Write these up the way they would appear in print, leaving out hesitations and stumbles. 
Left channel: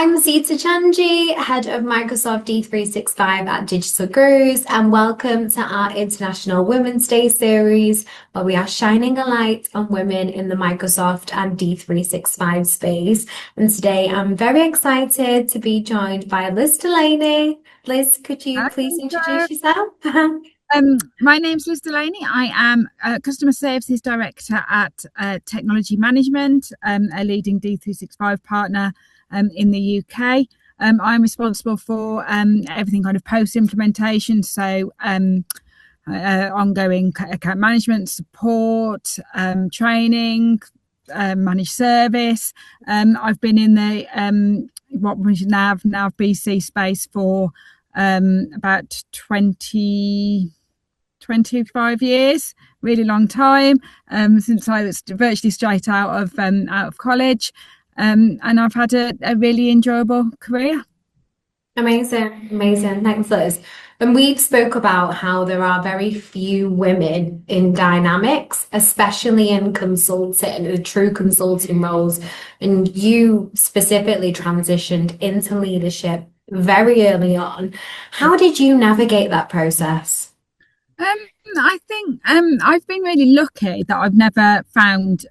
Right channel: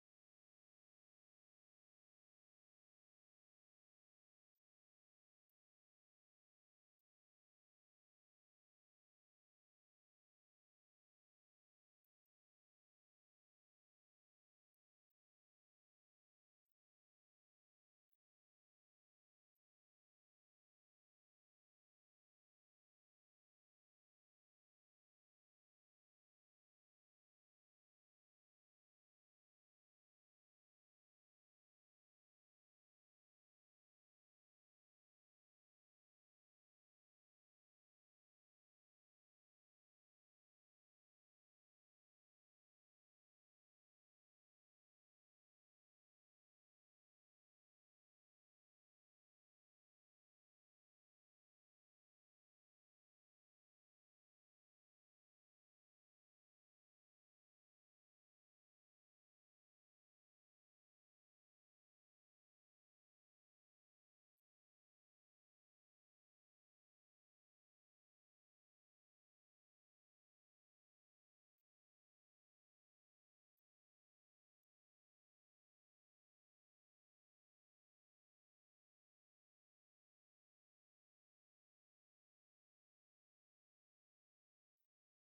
I'm Sita Chanji, head of Microsoft D365 at Digital Gurus, and welcome to our International Women's Day series, where we are shining a light on women in the Microsoft and D365 space. And today I'm very excited to be joined by Liz Delaney. Liz, could you Hi, please introduce Sarah. yourself? My name's Liz Delaney. I am a Customer Services Director at Technology Management, a leading D365 partner in the UK. I'm responsible for everything kind of post-implementation, so ongoing account management, support, training, managed service. I've been in the what we now BC space for about 25 years, really long time, since I was virtually straight out of college, and I've had a really enjoyable career. Amazing, amazing. Thanks, Liz. And we spoke about how there are very few women in dynamics, especially in consulting, the true consulting roles. And you specifically transitioned into leadership very early on. How did you navigate that process? Um, I think I've been really lucky that I've never found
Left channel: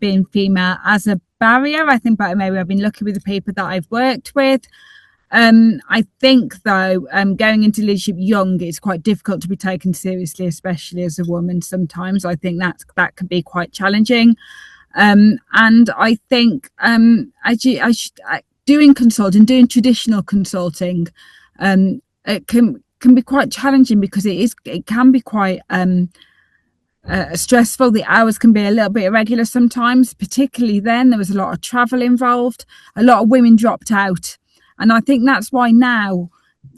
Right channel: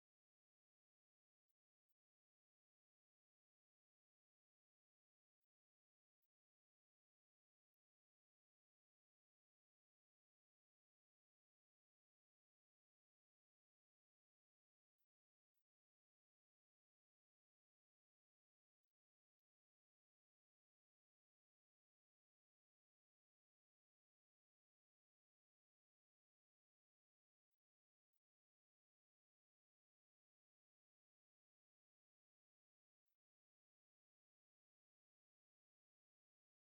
being female as a barrier. I think, but maybe I've been lucky with the people that I've worked with. I think though, going into leadership young is quite difficult to be taken seriously, especially as a woman. Sometimes I think that can be quite challenging. And I think doing consulting, doing traditional consulting, it can be quite challenging because it can be quite stressful. The hours can be a little bit irregular sometimes. Particularly then, there was a lot of travel involved. A lot of women dropped out, and I think that's why now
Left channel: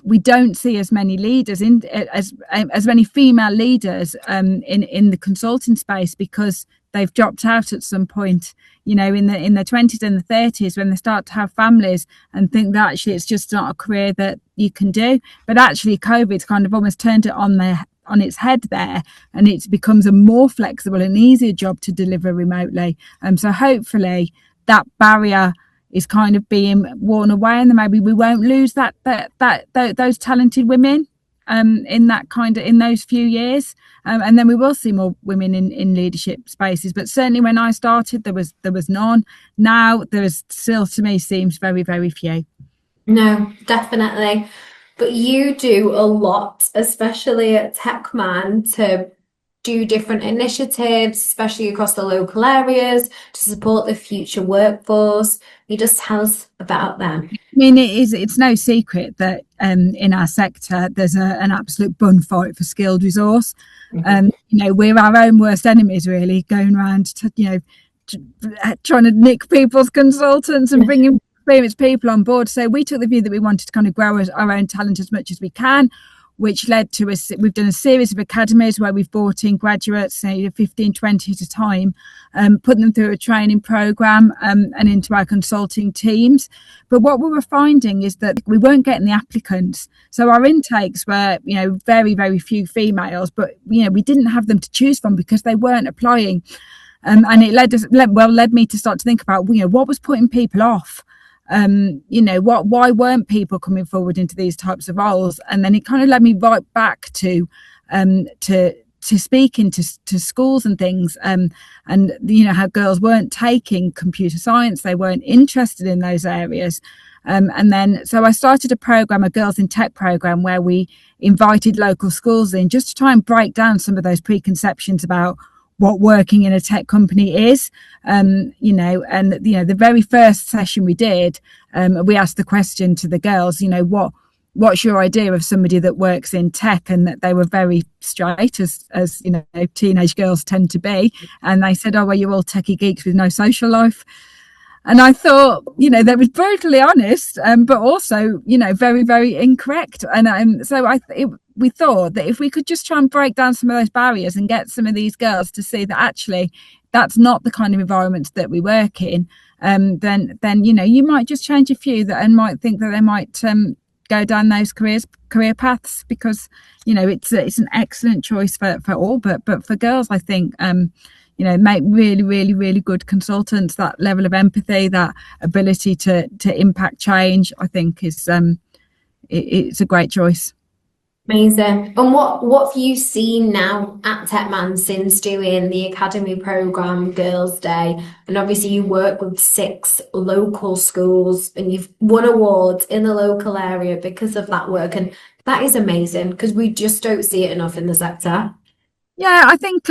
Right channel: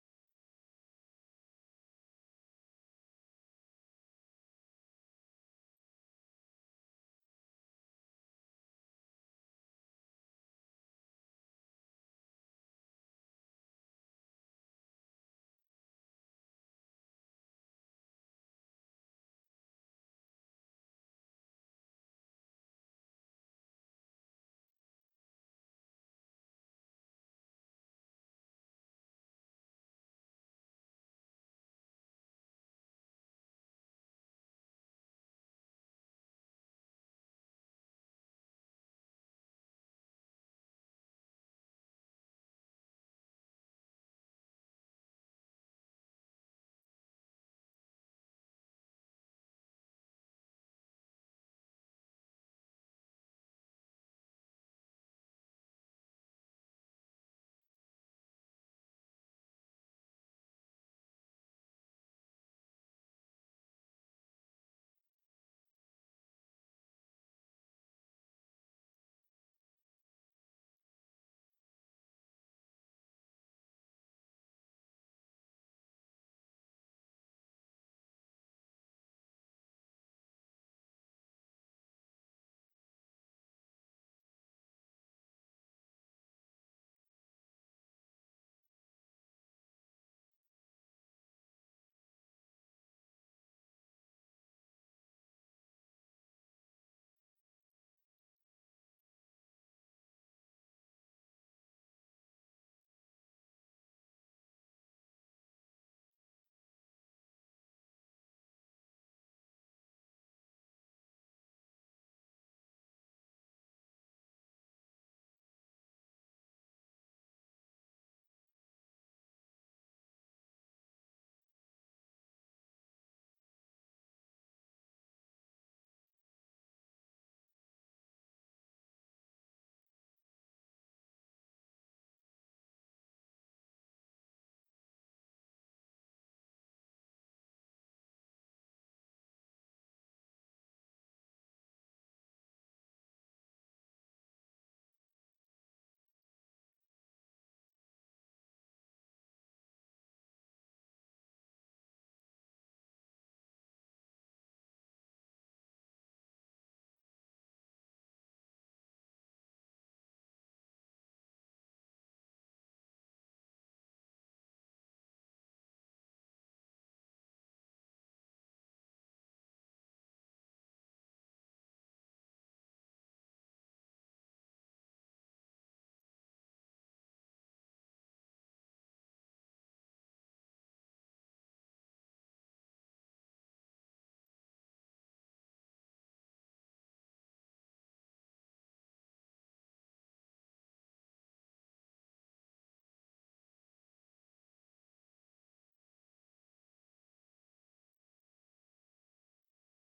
we don't see as many leaders as many female leaders in the consulting space, because they've dropped out at some point, in their 20s and the 30s, when they start to have families and think that actually it's just not a career that you can do. But actually COVID's kind of almost turned it on its head there, and it becomes a more flexible and easier job to deliver remotely. So hopefully that barrier is kind of being worn away, and then maybe we won't lose those talented women in those few years, and then we will see more women in leadership spaces. But certainly when I started, there was none. Now there is still, to me, seems very, very few. No, definitely. But you do a lot, especially at Techman, to do different initiatives, especially across the local areas, to support the future workforce. You just tell us about them. I mean, it's no secret that in our sector there's an absolute bun fight for skilled resource. Mhm. We're our own worst enemies, really, going around to, trying to nick people's consultants and bringing experienced people on board. So we took the view that we wanted to kind of grow our own talent as much as we can, which led to we've done a series of academies where we've brought in graduates, say 15, 20 at a time, put them through a training program, and into our consulting teams. But what we were finding is that we weren't getting the applicants. So our intakes were, very, very few females, but, we didn't have them to choose from because they weren't applying. And it led me to start to think about, what was putting people off. Why weren't people coming forward into these types of roles? And then it kind of led me right back to speaking to schools and things, and how girls weren't taking computer science, they weren't interested in those areas. And then so I started a Girls in Tech program, where we invited local schools in just to try and break down some of those preconceptions about what working in a tech company is. And the very first session we did, we asked the question to the girls, what's your idea of somebody that works in tech? And that they were very straight, as teenage girls tend to be, and they said, oh well, you're all techie geeks with no social life. And I thought, that was brutally honest, but also, very, very incorrect. And so we thought that if we could just try and break down some of those barriers and get some of these girls to see that actually that's not the kind of environment that we work in, then you might just change a few and might think that they might go down those career paths, because it's an excellent choice for all, but for girls, I think make really, really, really good consultants. That level of empathy, that ability to impact change, I think it's a great choice. Amazing. And what have you seen now at Techman since doing the academy program, Girls' Day? And obviously you work with 6 local schools and you've won awards in the local area because of that work. And that is amazing because we just don't see it enough in the sector. Yeah, I think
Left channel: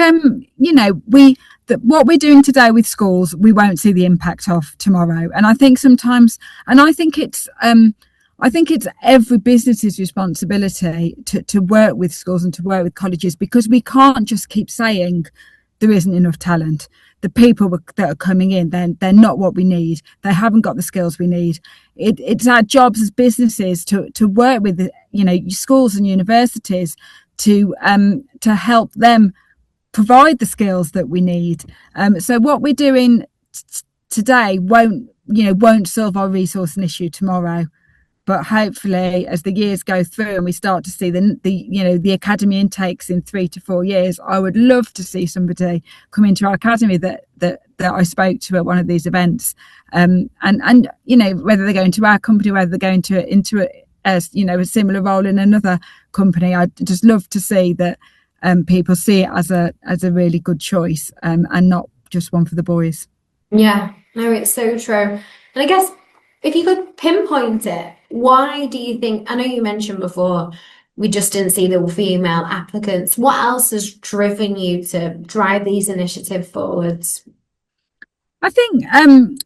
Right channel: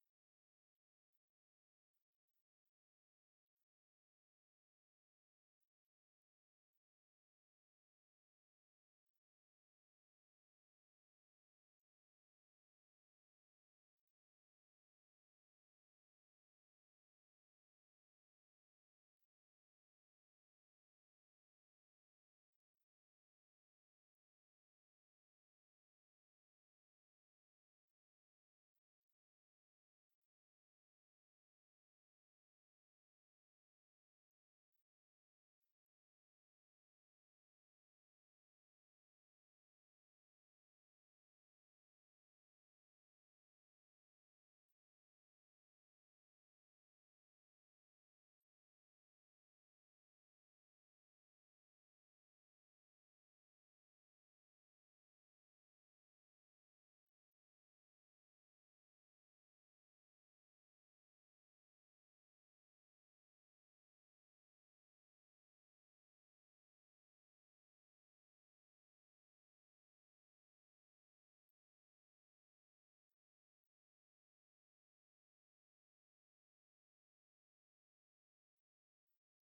we that what we're doing today with schools, we won't see the impact of tomorrow. And I think sometimes, and I think it's every business's responsibility to work with schools and to work with colleges, because we can't just keep saying there isn't enough talent. The people that are coming in, they're not what we need. They haven't got the skills we need. It's our jobs as businesses to work with schools and universities to help them provide the skills that we need. So what we're doing today won't solve our resourcing issue tomorrow. But hopefully, as the years go through and we start to see the academy intakes in 3 to 4 years, I would love to see somebody come into our academy that I spoke to at one of these events, and whether they're going to our company, whether they're going into a similar role in another company. I'd just love to see that people see it as a really good choice, and not just one for the boys. Yeah, no, it's so true. And I guess if you could pinpoint it, why do you think, I know you mentioned before, we just didn't see the female applicants. What else has driven you to drive these initiatives forwards? I think,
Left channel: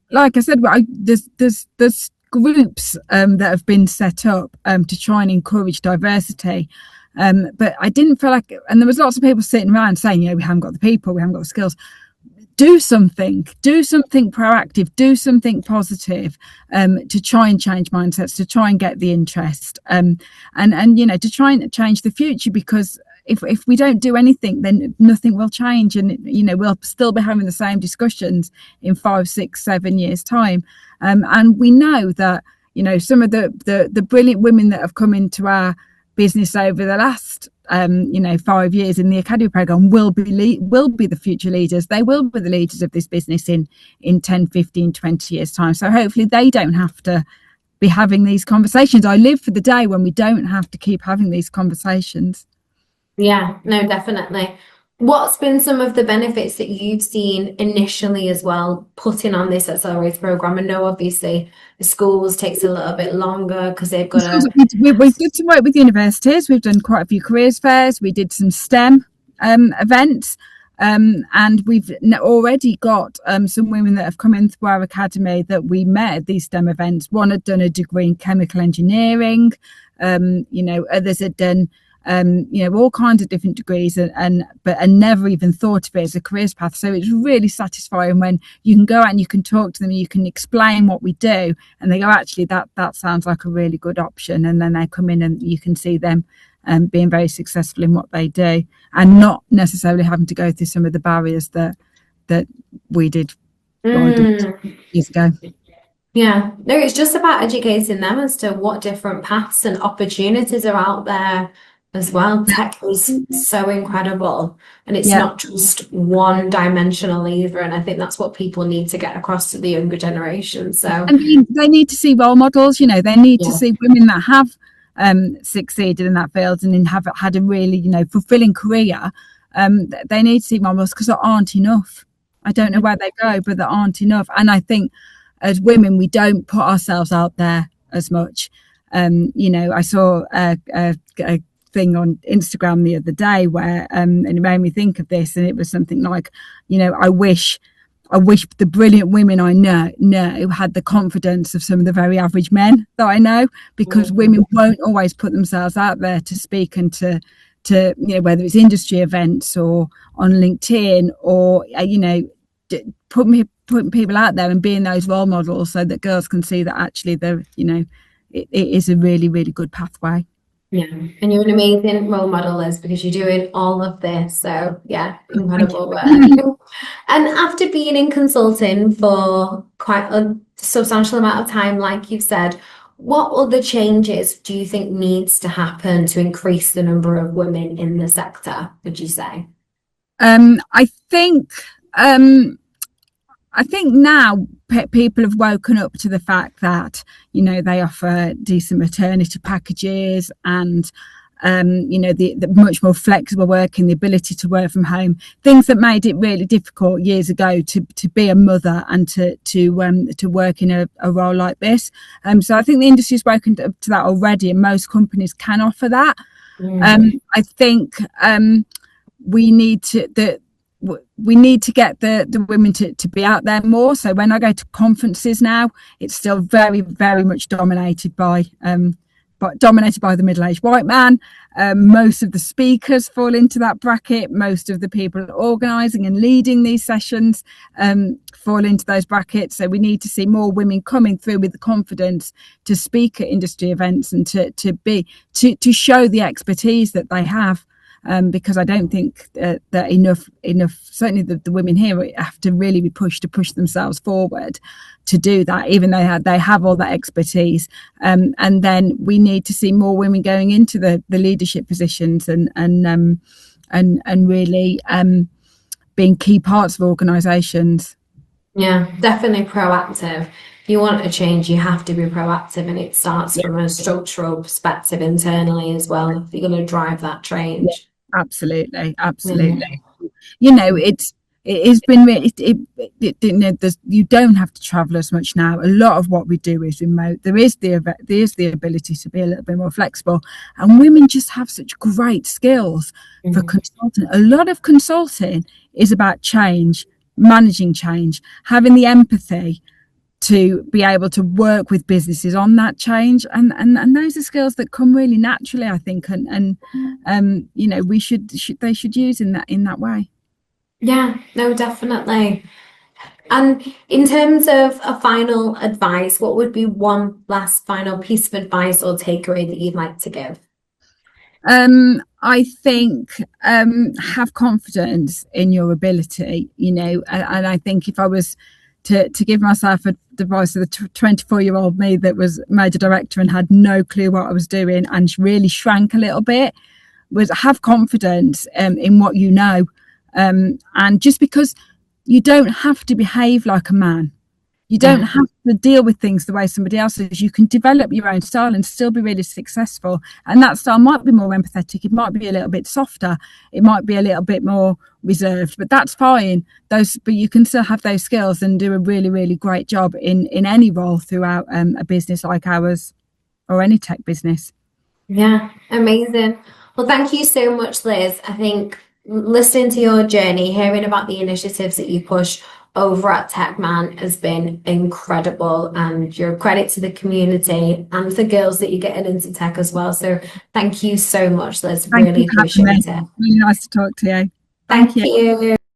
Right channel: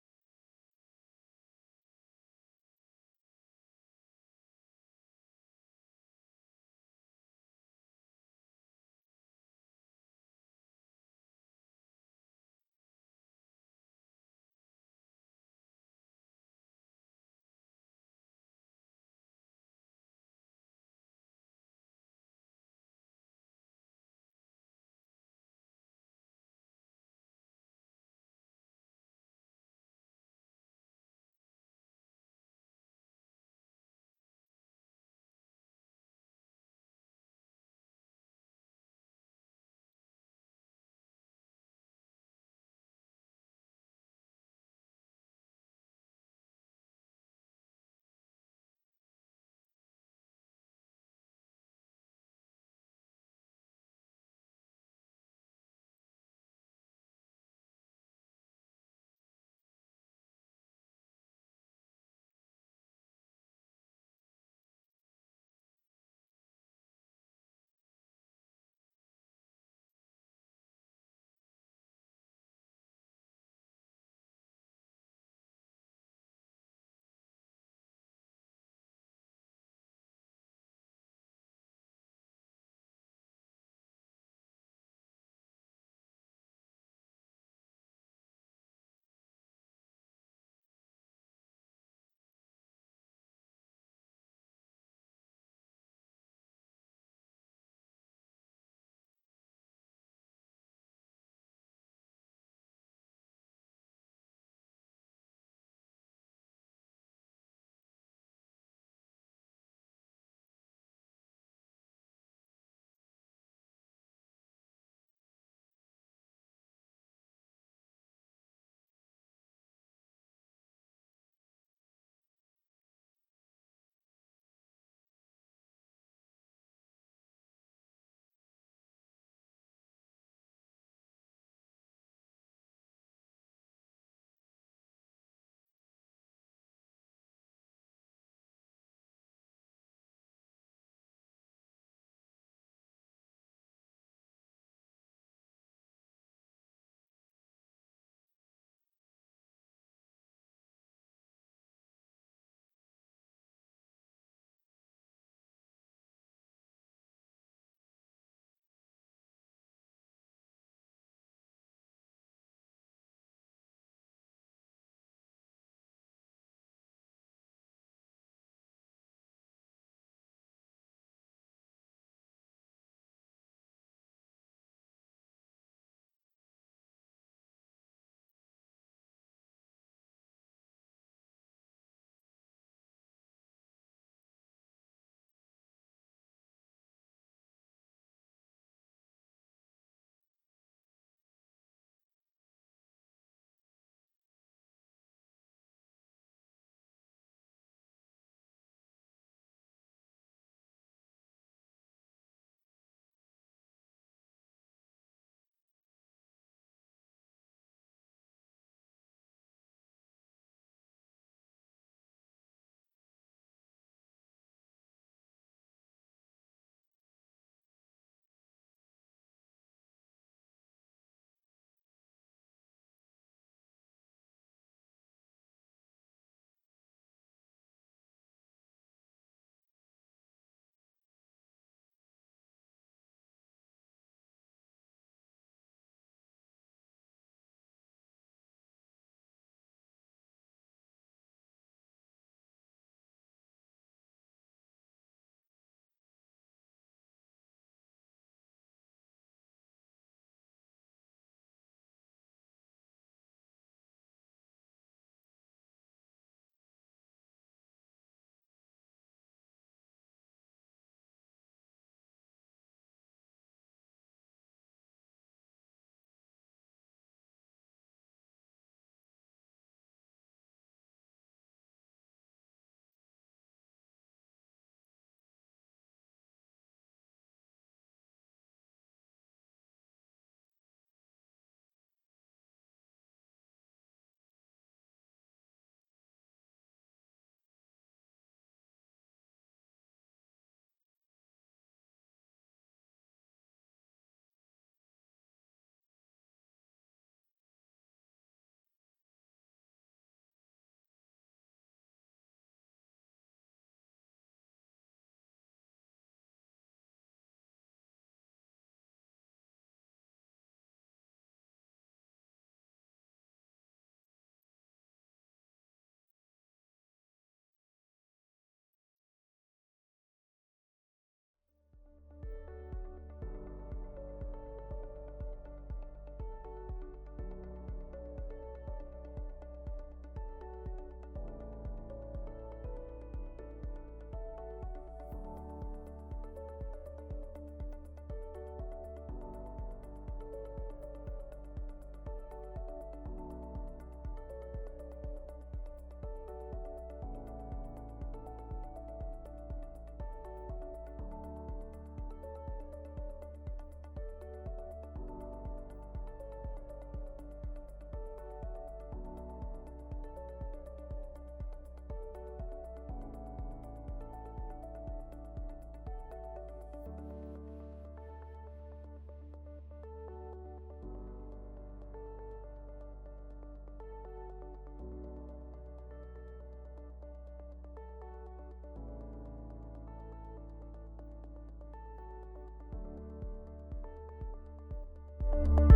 like I said, there's groups that have been set up to try and encourage diversity. But I didn't feel like, and there was lots of people sitting around saying, we haven't got the people, we haven't got the skills. Do something proactive, do something positive, to try and change mindsets, to try and get the interest, and to try and change the future. Because if we don't do anything, then nothing will change, and we'll still be having the same discussions in 5, 6, 7 years time. And we know that some of the brilliant women that have come into our business over the last 5 years in the academy program will be the future leaders. They will be the leaders of this business in 10, 15, 20 years time. So hopefully they don't have to be having these conversations. I live for the day when we don't have to keep having these conversations. Yeah, no, definitely. What's been some of the benefits that you've seen initially as well, putting on this accelerator program? I know obviously the schools takes a little bit longer because they've got to. We've did some work with universities. We've done quite a few careers fairs. We did some STEM events, and we've already got some women that have come in through our academy that we met at these STEM events. One had done a degree in chemical engineering. Others had done all kinds of different degrees, and never even thought of it as a careers path. So it's really satisfying when you can go out and you can talk to them, you can explain what we do, and they go, actually, that sounds like a really good option. And then they come in and you can see them being very successful in what they do, and not necessarily having to go through some of the barriers that we did years ago. Yeah, no, it's just about educating them as to what different paths and opportunities are out there as well. Tech is so incredible, and it's Yeah. not just one dimensional either. And I think that's what people need to get across to the younger generation. So, And they need to see role models. They need to yeah, see women that have succeeded in that field and have had a really fulfilling career. They need to see role models, because there aren't enough. I don't know where they go, but there aren't enough. And I think as women, we don't put ourselves out there as much. I saw a thing on Instagram the other day where and it made me think of this, and it was something like, I wish the brilliant women I know had the confidence of some of the very average men that I know, because women won't always put themselves out there to speak and to whether it's industry events or on LinkedIn, or putting people out there and being those role models, so that girls can see that actually it is a really, really good pathway. Yeah, and you're an amazing role model, Liz, because you're doing all of this. So, yeah, Thank incredible work. you. And after being in consulting for quite a substantial amount of time, like you've said, what other changes do you think needs to happen to increase the number of women in the sector, would you say? I think I think now people have woken up to the fact that, they offer decent maternity packages and, the much more flexible working, the ability to work from home, things that made it really difficult years ago to be a mother and to work in a role like this. So I think the industry's woken up to that already, and most companies can offer that. I think we need to get the women to be out there more. So when I go to conferences now, it's still very, very much dominated by the middle-aged white man. Most of the speakers fall into that bracket. Most of the people organising and leading these sessions fall into those brackets. So we need to see more women coming through with the confidence to speak at industry events and to show the expertise that they have. Because I don't think that enough. Certainly, the women here have to really be pushed to push themselves forward to do that, even though they have all that expertise. And then we need to see more women going into the leadership positions and really being key parts of organisations. Yeah, definitely proactive. If you want a change, you have to be proactive, and it starts from a structural perspective internally as well. If you're going to drive that change. Absolutely. Yeah. It has been really, you don't have to travel as much now. A lot of what we do is remote. There is the ability to be a little bit more flexible, and women just have such great skills for consulting. A lot of consulting is about change, managing change, having the empathy to be able to work with businesses on that change, and those are skills that come really naturally, I think, and they should use in that way. Yeah, no, definitely. And in terms of a final advice, what would be one last final piece of advice or takeaway that you'd like to give? I think have confidence in your ability, and I think if I was to give myself advice to the 24-year-old me that was made a director and had no clue what I was doing and really shrank a little bit, was have confidence in what you know. And just because you don't have to behave like a man, you don't have to deal with things the way somebody else is. You can develop your own style and still be really successful. And that style might be more empathetic. It might be a little bit softer. It might be a little bit more reserved, but that's fine. But you can still have those skills and do a really, really great job in any role throughout a business like ours or any tech business. Yeah, amazing. Well, thank you so much, Liz. I think listening to your journey, hearing about the initiatives that you push over at TechMan has been incredible, and you're a credit to the community and the girls that you're getting into tech as well. So thank you so much, Liz. Thank you Really for having me. appreciate it. Really nice to talk to you. Thank Thank you. you.